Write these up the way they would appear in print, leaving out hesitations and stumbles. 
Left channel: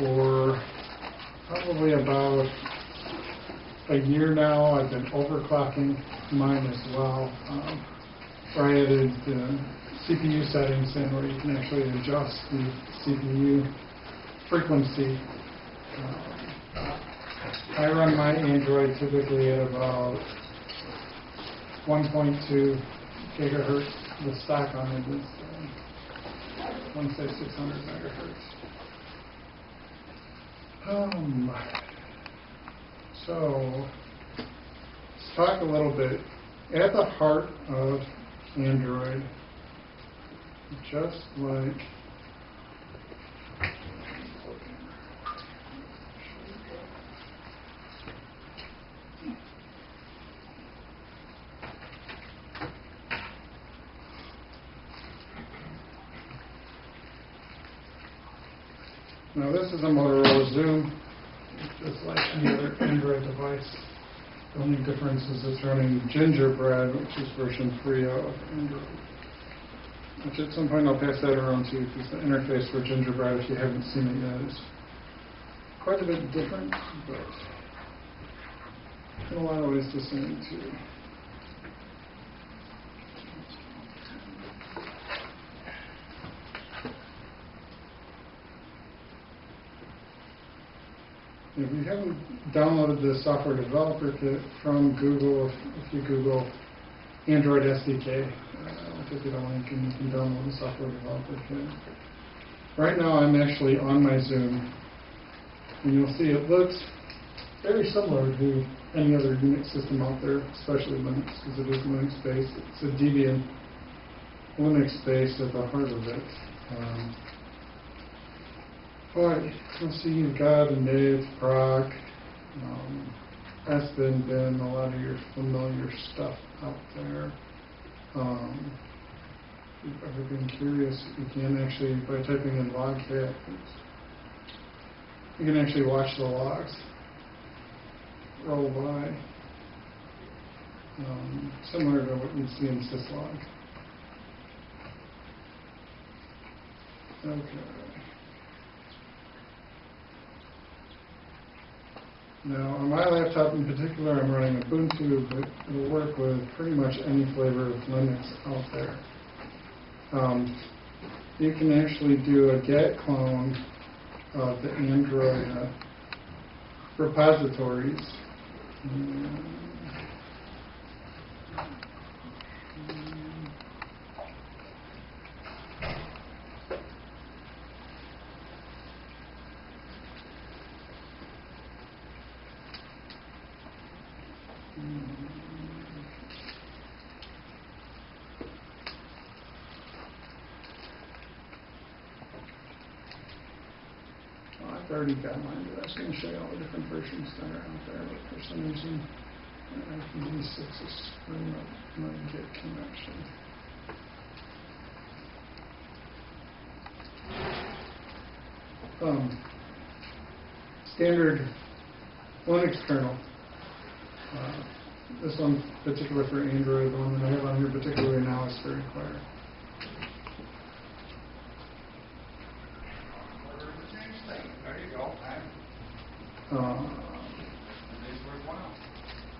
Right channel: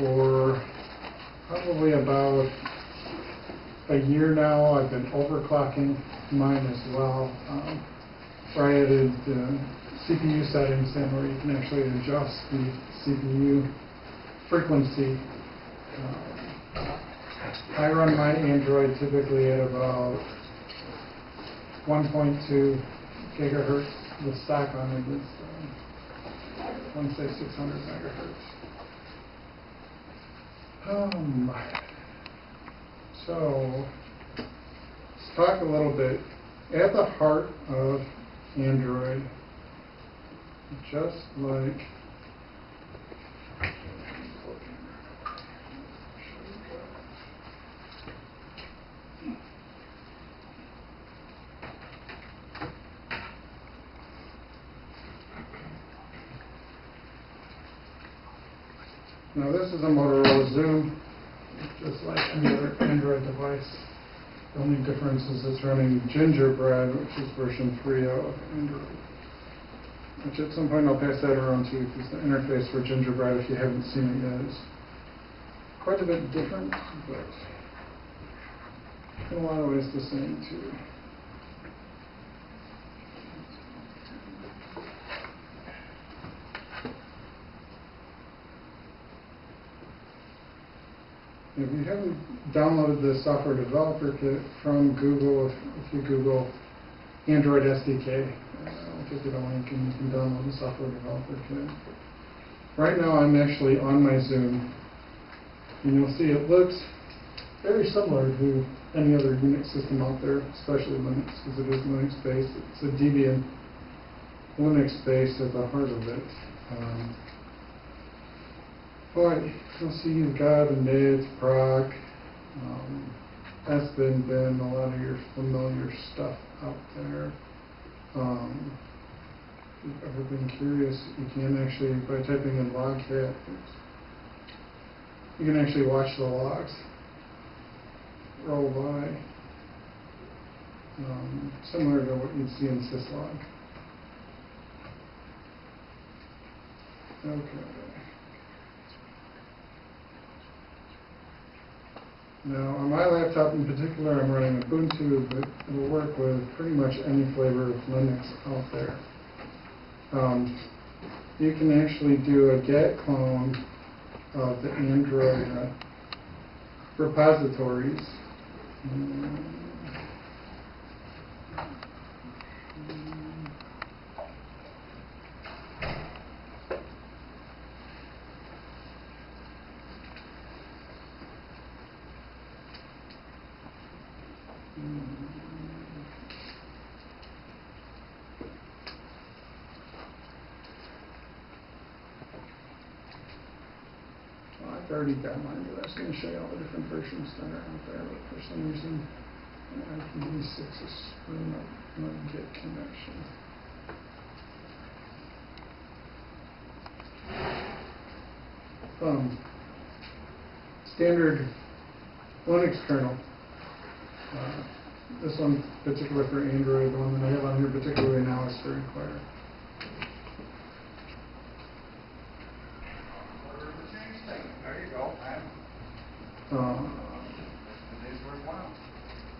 for probably about a year now. I've been overclocking mine as well. Where I added CPU settings in where you can actually adjust the CPU frequency. I run my Android typically at about 1.2 gigahertz. The stock on it is 600 megahertz. So let's talk a little bit. At the heart of Android, just like now, this is a Motorola Zoom, just like any other Android device. The only difference is it's running Gingerbread, which is version 3 of Android. Which at some point I'll pass that around to you, because the interface for Gingerbread, if you haven't seen it yet, is quite a bit different, but in a lot of ways the same too. If you haven't downloaded the software developer kit from Google, if you Google Android SDK, I'll give you the link and you can download the software developer kit. Right now I'm actually on my Zoom, and you'll see it looks very similar to any other Unix system out there, especially Linux, because it is Linux-based. It's a Debian Linux-based at the heart of it. But you'll see you've got a NID, proc, SBIN, bin, a lot of your familiar stuff out there. If you've ever been curious, you can actually, by typing in logcat, you can actually watch the logs roll by, similar to what you'd see in syslog. Okay. Now, on my laptop in particular, I'm running Ubuntu, but it'll work with pretty much any flavor of Linux out there. You can actually do a GET clone of the Android repositories. I've already got mine, but I was going to show you all the different versions that are out there, but for some reason my IPv6 is screwing up my GET connection. Standard Linux kernel. This one particular for Android, the one that I have on here particularly now is very clear.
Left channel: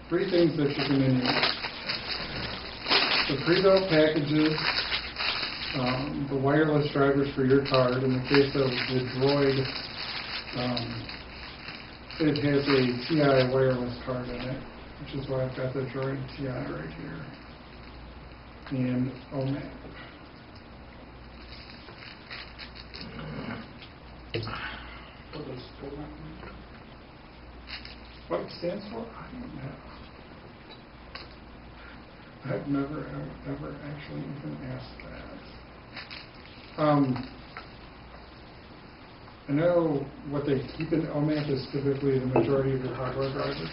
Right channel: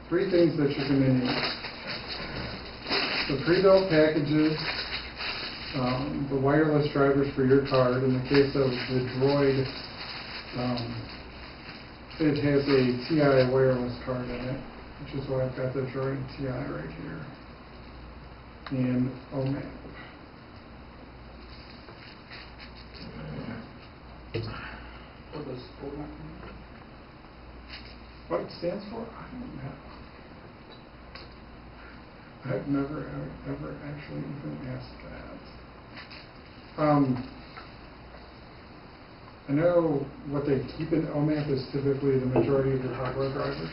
Three things that you're going to need. The pre-built packages, the wireless drivers for your card. In the case of the Droid, it has a TI wireless card in it, which is why I've got the Droid TI right here. And OMAP. What does OMAP mean? What it stands for? I don't know. I've never ever actually even asked that. I know what they keep in OMAP is typically the majority of your hardware drivers.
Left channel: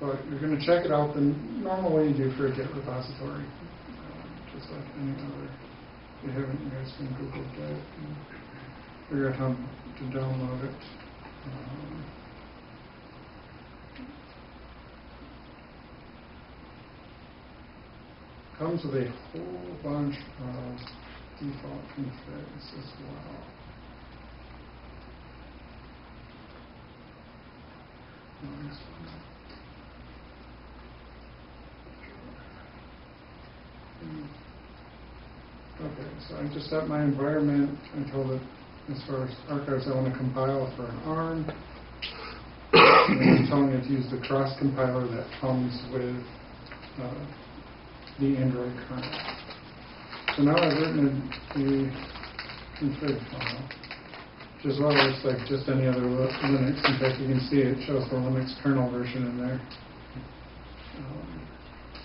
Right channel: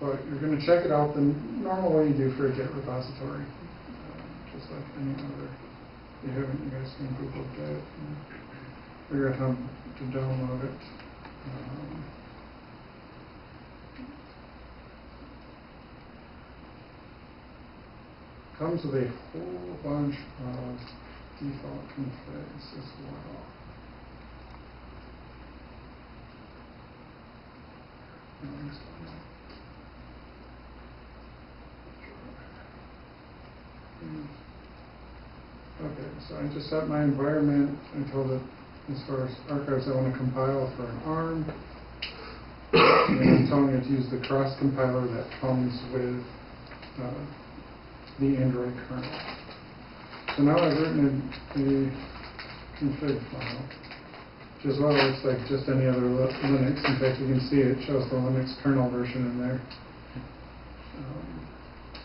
But you're going to check it out the normal way you do for a GET repository, just like any other. If you haven't, you guys can Google GET and figure out how to download it. Comes with a whole bunch of default configs as well. Okay, so I just set my environment. I told it as far as archives I want to compile for an ARM. And I'm telling it to use the cross compiler that comes with the Android kernel. So now I've written a config file, which is what it looks like just any other Linux. In fact, you can see it shows the Linux kernel version in there.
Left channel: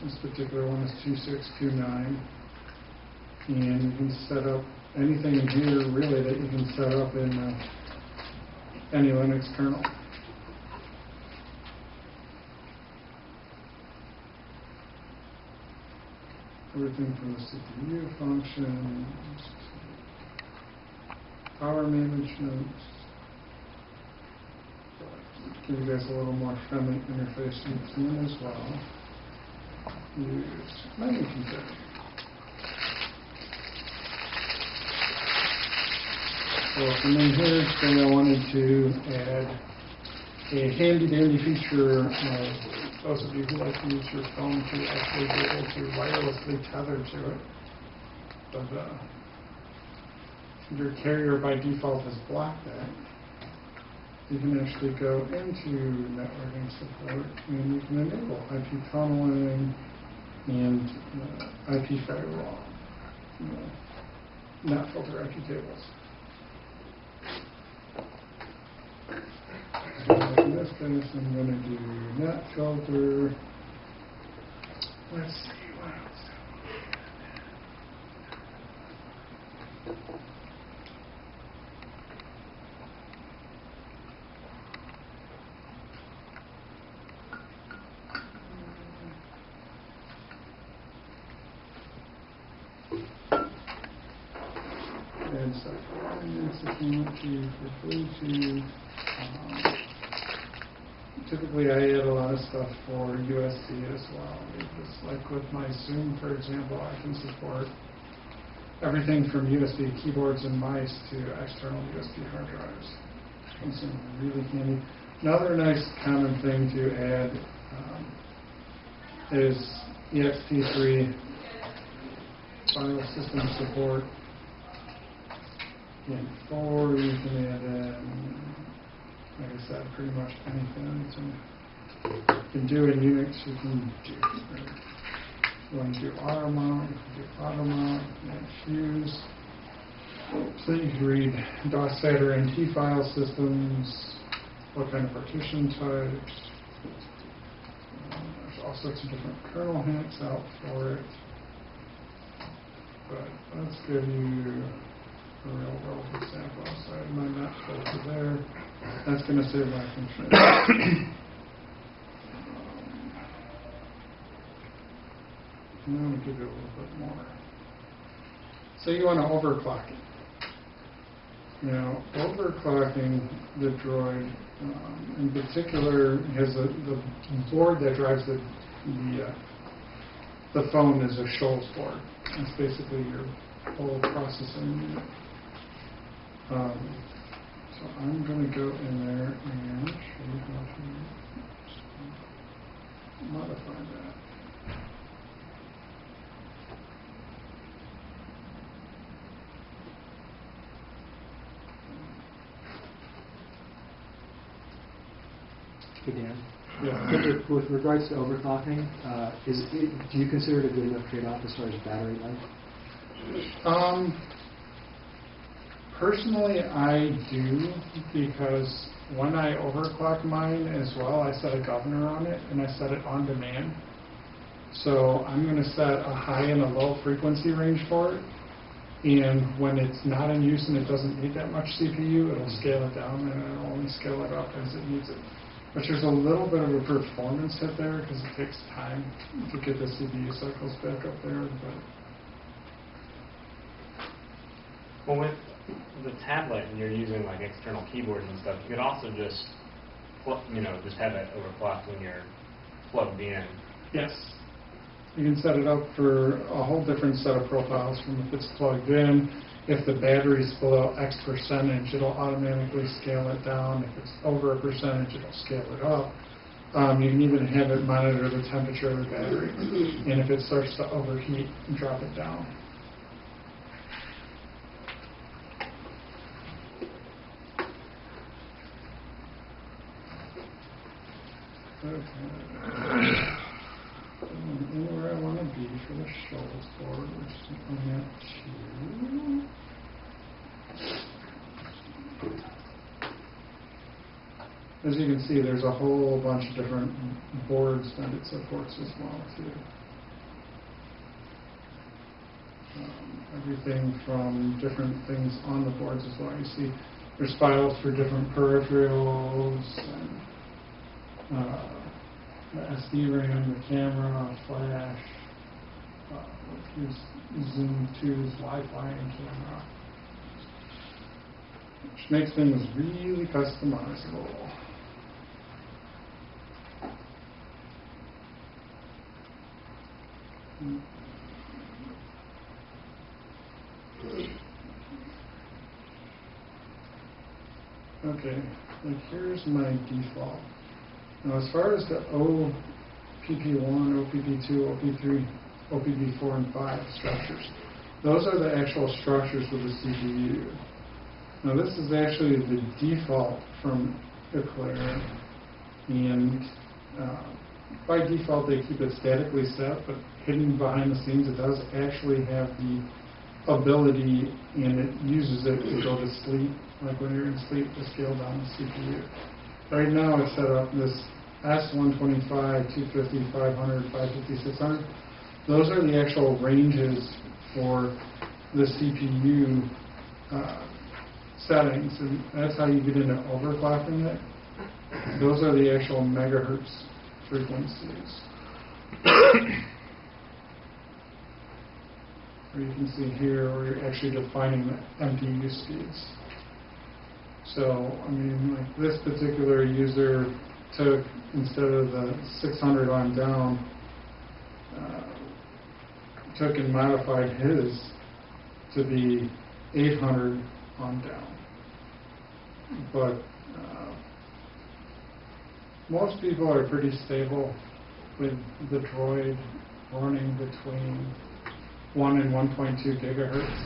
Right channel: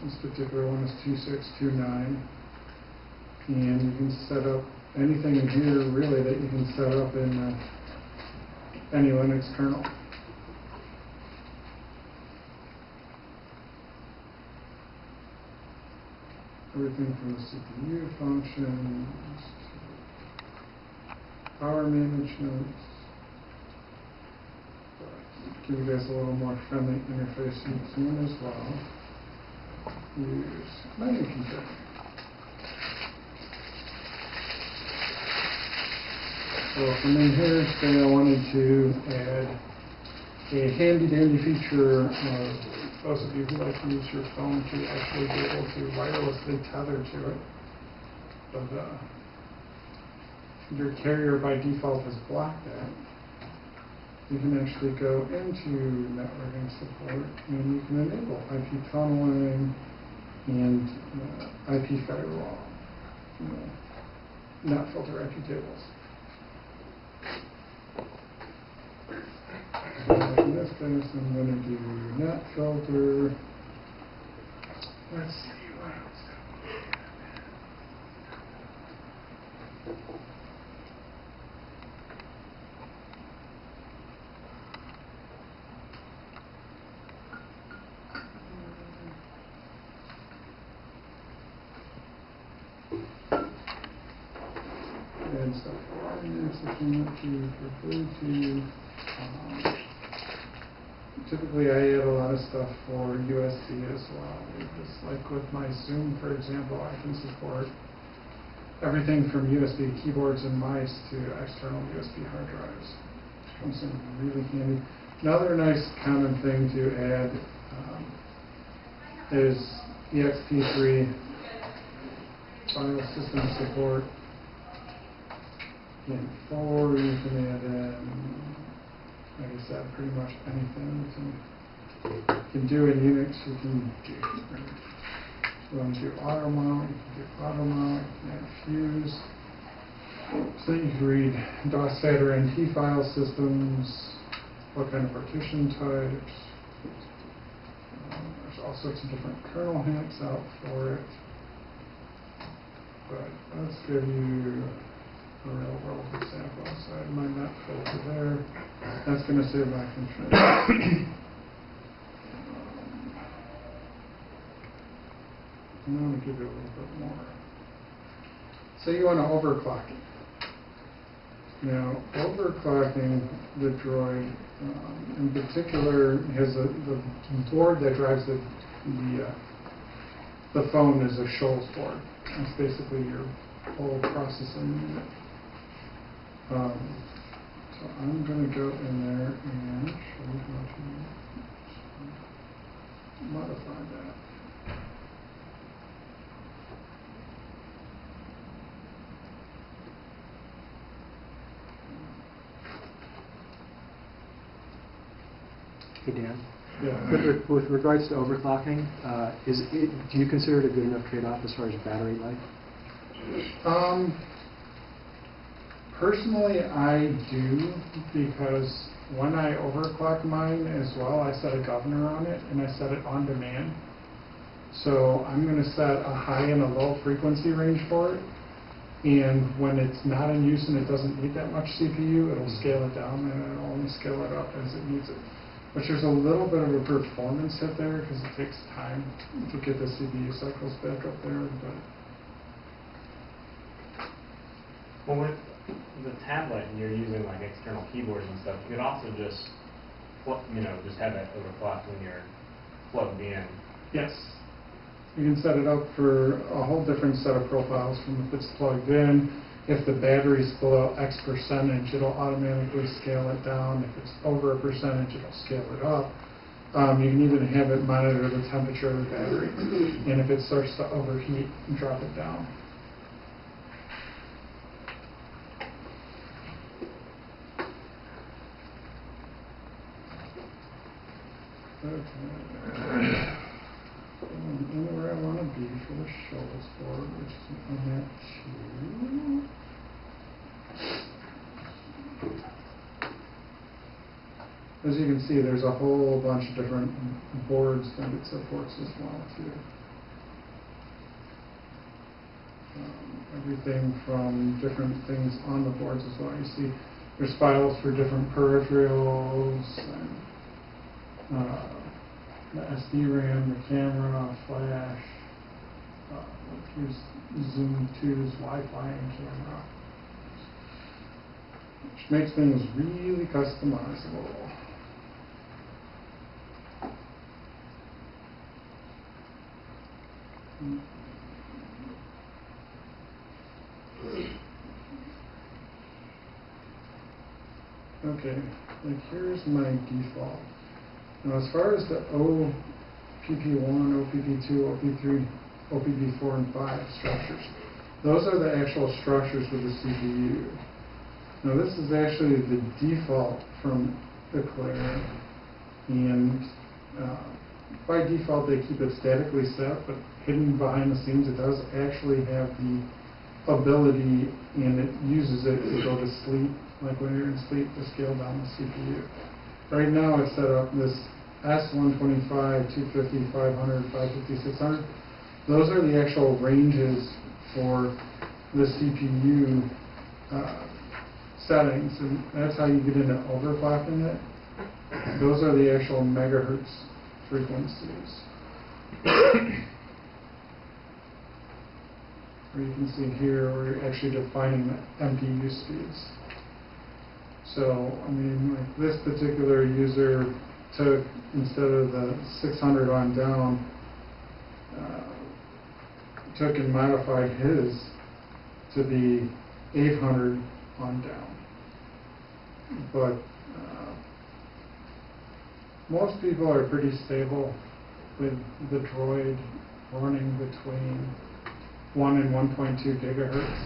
This particular one is 2629. And you can set up anything in here, really, that you can set up in any Linux kernel. Everything from the CPU functions to power management. Give you guys a little more friendly interface you can as well. Use menu config. So from in here, today I wanted to add a handy-dandy feature of those of you who like to use your phone to actually be able to wirelessly tether to it. But your carrier by default has blocked that. You can actually go into networking support and you can enable IP tunneling and IP firewall, not filter IP tables. So in this case, I'm going to do net filter. Let's see what else. And stuff for Linux if you want to, for Bluetooth. Typically, I add a lot of stuff for USB as well, because like with my Zoom, for example, I can support everything from USB keyboards and mice to external USB hard drives. Comes in really handy. Another nice common thing to add is ext3 file system support. In 4, you can add in, like I said, pretty much anything. You can do in Unix, you can do, if you want to do auto mount, you can do auto mount, you can add fuse. So you can read DOS, SAT, or NT file systems, what kind of partition types. There's all sorts of different kernel hacks out for it. But let's give you a real world example. So I have my net folder there. That's going to save my config. Now I'm going to give it a little bit more. So you want to overclock it. Now, overclocking the Droid, in particular, has the board that drives the phone is a Shoals board. It's basically your whole processing unit. So I'm going to go in there and show you how to modify that. Hey, Dan. Yeah. With regards to overclocking, do you consider it a good enough trade-off as far as battery life? Personally, I do, because when I overclock mine as well, I set a governor on it, and I set it on demand. So I'm going to set a high and a low frequency range for it, and when it's not in use and it doesn't need that much CPU, it'll scale it down, and it'll only scale it up as it needs it. Which there's a little bit of a performance hit there, because it takes time to get the CPU cycles back up there, but... Well, with the tablet and you're using like external keyboards and stuff, you could also just, just have it overclock when you're plugged in. Yes. You can set it up for a whole different set of profiles from if it's plugged in. If the battery's below X percentage, it'll automatically scale it down. If it's over a percentage, it'll scale it up. You can even have it monitor the temperature of the battery. And if it starts to overheat, drop it down. Okay. Anywhere I want to be for the Shoals board, which is on that 2. As you can see, there's a whole bunch of different boards that it supports as well, too. Everything from different things on the boards as well. You see there's files for different peripherals, and the SD RAM, the camera, flash, here's Zoom 2's Wi-Fi and camera, which makes things really customizable. Okay, like here's my default. Now as far as the OPP1, OPP2, OPP3, OPP4, and 5 structures, those are the actual structures for the CPU. Now this is actually the default from Eclair, and by default they keep it statically set, but hidden behind the scenes it does actually have the ability, and it uses it to go to sleep, like when you're in sleep, to scale down the CPU. Right now it's set up this S125, 250, 500, 550, 600. Those are the actual ranges for the CPU settings, and that's how you get into overclocking it. Those are the actual megahertz frequencies. Or you can see here where you're actually defining the MPU speeds. So, I mean, like this particular user took, instead of the 600 on down, took and modified his to be 800 on down. But most people are pretty stable with the Droid running between 1 and 1.2 gigahertz.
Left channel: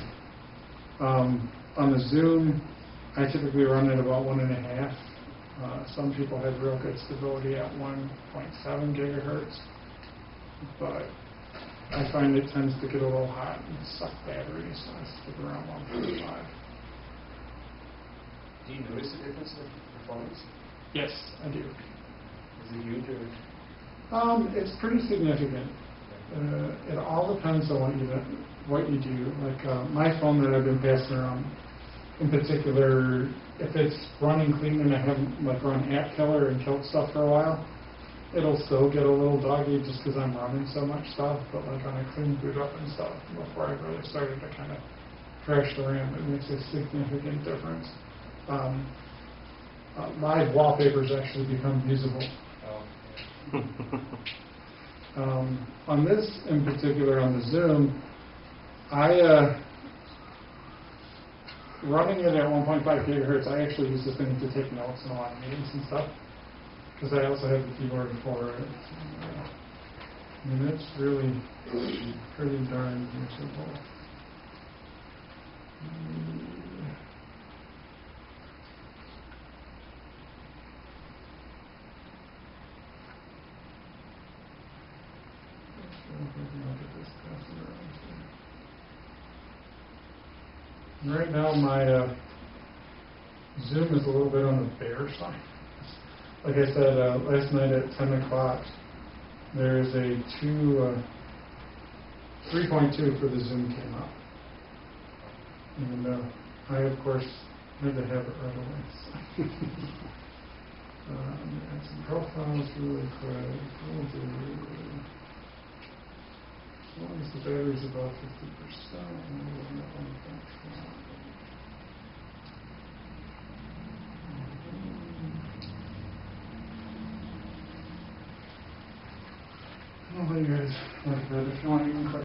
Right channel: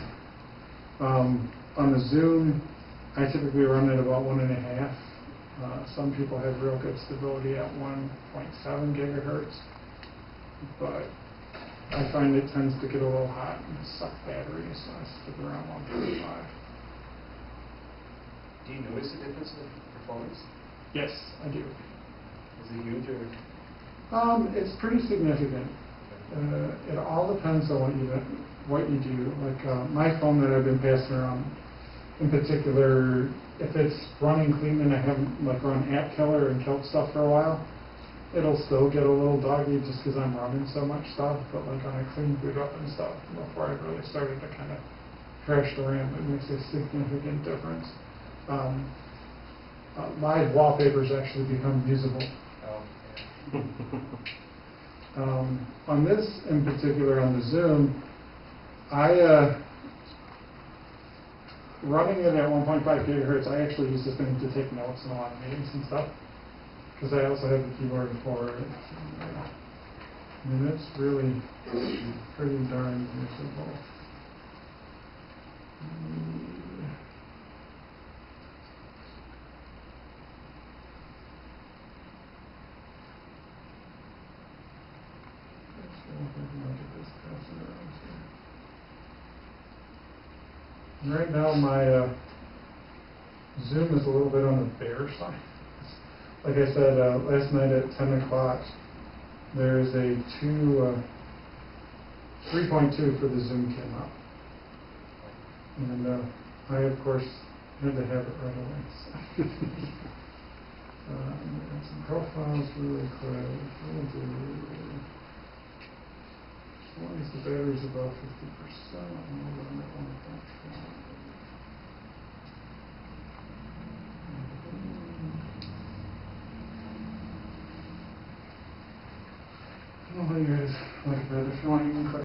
On the Zoom, I typically run at about 1.5. Some people have real good stability at 1.7 gigahertz, but I find it tends to get a little hot and suck batteries, so I stick around 1.5. Do you notice a difference in the performance? Yes, I do. Is it huge or? It's pretty significant. It all depends on what you do. Like my phone that I've been passing around, in particular, if it's running clean and I haven't like run app killer and killed stuff for a while, it'll still get a little doggy just because I'm running so much stuff. But like on a clean boot up and stuff, before I really started to kind of crash the RAM, it makes a significant difference. Live wallpapers actually become usable. Oh, yeah. On this in particular, on the Zoom, running it at 1.5 gigahertz, I actually use this thing to take notes in a lot of meetings and stuff, because I also have the keyboard for it. I mean, it's really pretty darn usable. Right now, my Zoom is a little bit on the bare side. Like I said, last night at 10 o'clock, there's a 3.2 for the Zoom came up. And I, of course, had to have it right away. So. Add some profiles really quick. We'll do, as long as the battery's above 50%, we'll run it on control. I'll let you guys Like, if you want, you can click